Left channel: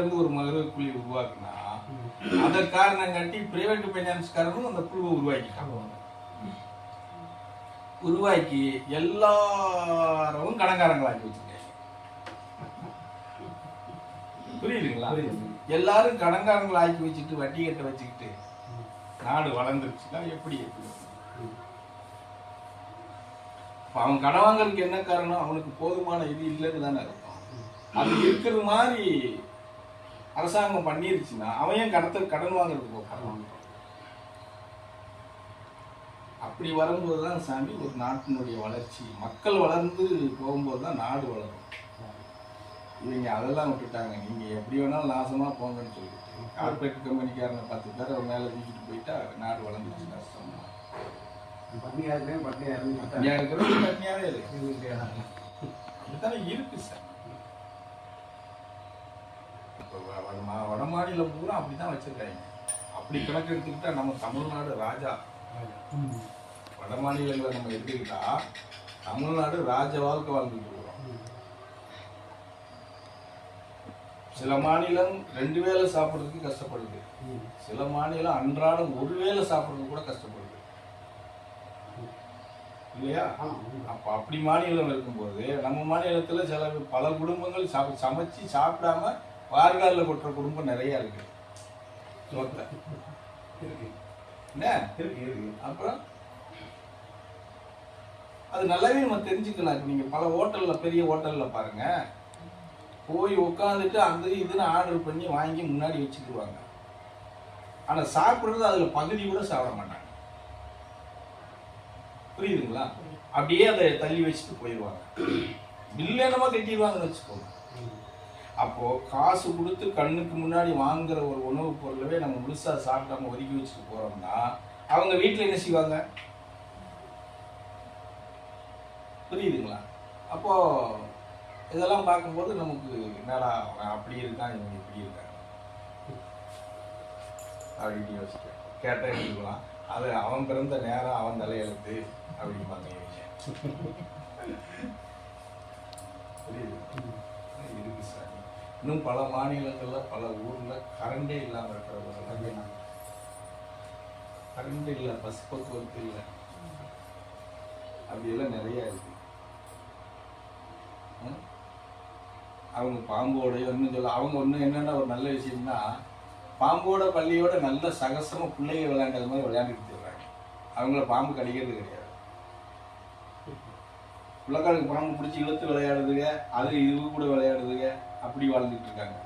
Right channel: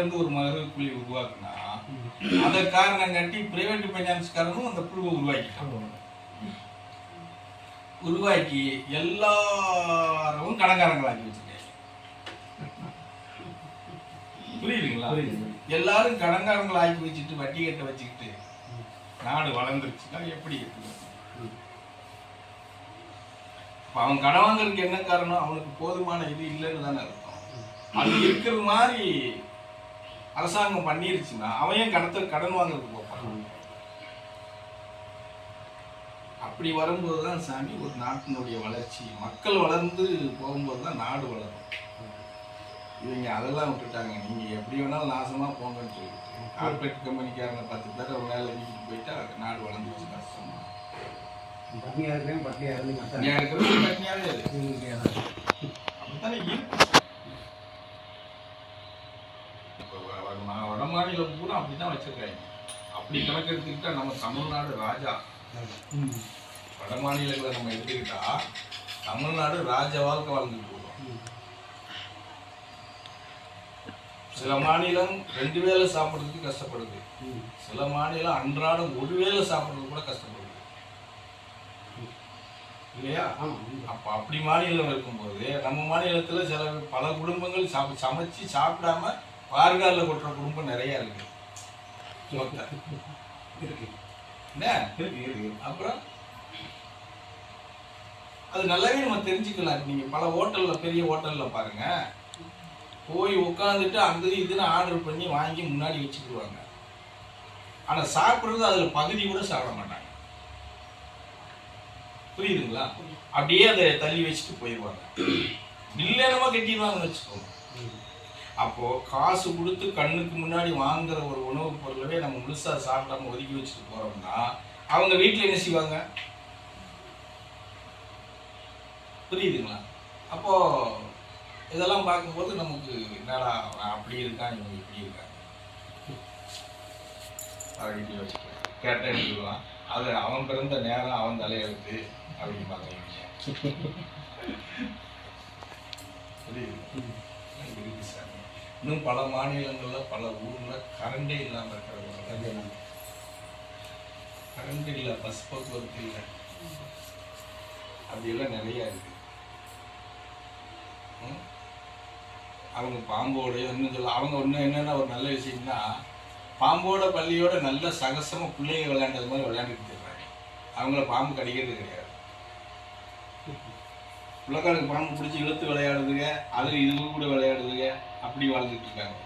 ஒரு மகரக்குழி உருவாக்குனா அந்த காரணம் காட்டி பிரைவேட் ஃபைனான்ஸ்காரனும் அந்த குழுவை உருவாக்கி எல்லாரும் கடன்காரங்களாக்கி வச்சிருக்காங்க. புரியுதுங்களா? எல்லாரும் கடன்காரங்களை ஆக்கி வச்சுட்டு வட்டி கட்ட வச்சுக்கிட்டு நாடு வளர்ந்துருச்சுன்னா எப்படி இருக்கு? அவன் கடன் வாங்குறதுக்கு என்ன காரணம்? அவனுக்கு போதுமான இது இல்லைன்னு தானே இருக்கும். அது இருக்கிற மாதிரி அரசாங்கம் பண்ணிருச்சுன்னா அவன் ஏன் கடன் வாங்குறதுக்கு போகிறான்? அப்படி வரும்போது தான் சாமி ஒரு நாட்டினுடைய வளர்ச்சி, மக்கள் வளர்ந்து போகும்போது தான் நாடு வளரும். இவங்க அதெல்லாம் விட்டுட்டாங்க. நீங்கள் எப்படி வேணாலும் நாசமாக போங்கன்னு சொல்லிட்டு கார்பரேட் கம்பெனிக்காரங்க 10 பேர் அவங்க மேலே வீட்டுக்கு போயிட்டா நாடு வளர்ந்துச்சு. கஷ்டம் அப்படித்தானே இருக்கு. வட மாநிலம் பூரா அப்படிதான் வச்சிருக்காங்க. அப்படி கணக்கு எடுத்துக்கிட்டா நம்ம தமிழ்நாடு ராஜா. வட மாநிலங்களை நம்ம எடுத்துக்கிட்டா தமிழ்நாடு ராஜ வாழ்க்கை வாழ்ந்துட்டு இருக்கோம். சில மாநிலம் 2 வேளை சாப்பிட்றதுக்கு கஷ்டப்படுது, சில மாநிலம் அன்றாடம் 1 வேளை சாப்பிட்றதுக்கு கூட கஷ்டப்படுது இல்லையா? அப்ப அப்படி மாநிலம் இருக்கும்போது நம்ம மாநிலத்துல பல குடும்பங்கள் சமைச்சு சாப்பிடாம வார்காலில் கொட்டுற குடும்பம் நிறைய இருக்கு. அப்புறம் அது நல்லாவே நம்ம தெரிஞ்சுக்கலாம். நீங்க பல ஹோட்டல்ல, பெரிய ஹோட்டல்ல பாருங்க, போய் உட்காந்துட்டு அந்த இதுன்னு ஆர்டர் பண்ணி வாங்கி முன்னாடி வச்சுக்குவாங்க. ஆனா சாப்பிட்றது அதுல பகுதி கூட சாப்பிட மாட்டாங்க. புரியுதுங்களா? அப்படியே அதை தள்ளி வச்சுட்டு போயிடுவாங்க. பில்லேனமா கட்டிடுவாங்கன்னு வச்சுக்கோங்க. அப்போ காசு கொடுத்து கண்ணுக்கு முன்னாடி வாங்குற ஒரு உணவுப் பொருளவே நம்ம முழுசா சாப்பிடாம ஒதுக்கி வச்சுட்டு போறோம்னா அவங்க வீட்டில் என்ன செய்வாங்க? புரியுதுங்களா? அப்போ இதெல்லாம் பார்க்கும்போது நமக்கு என்னடா அப்படி இருக்கான், இவங்க இப்படி இருக்காங்க அப்படின்னு யோசிக்க கேட்டா எடுத்துக்கலாம். அது அவன் பிறந்த நேரம் அவன் தலையெழுத்து அப்படின்னு பார்க்க புரியுது. இன்னும் பல மாநிலங்கள்ல பல ஊர்ல கரண்டே இல்லாம இருக்கிறவங்க, கரண்ட் இல்லை, பஸ் போக்குவரத்து இல்லை, அப்படியெல்லாம் நிறைய இருக்கு. அவங்க பாம்போடைய இன்னும் சொல்ல அவங்க ஒன்றும் என்னன்னா ஒரு நல்ல விஷயம்னா, பாம்போட பள்ளியோட நல்ல சகசமா பிள்ளைங்க விளையாண்டது மாதிரி விளையாண்டுட்டு இருக்காங்க. அவங்கள பாம்பு கடிக்கிறது கிடையாது. பிள்ளைக்காரங்க பாம்பு பிடிச்சி இழுத்து விளையாடுதுங்க, அது இது கூட விளையாடுதுங்க, அப்படி வாழ்ந்துட்டு இருக்காங்க.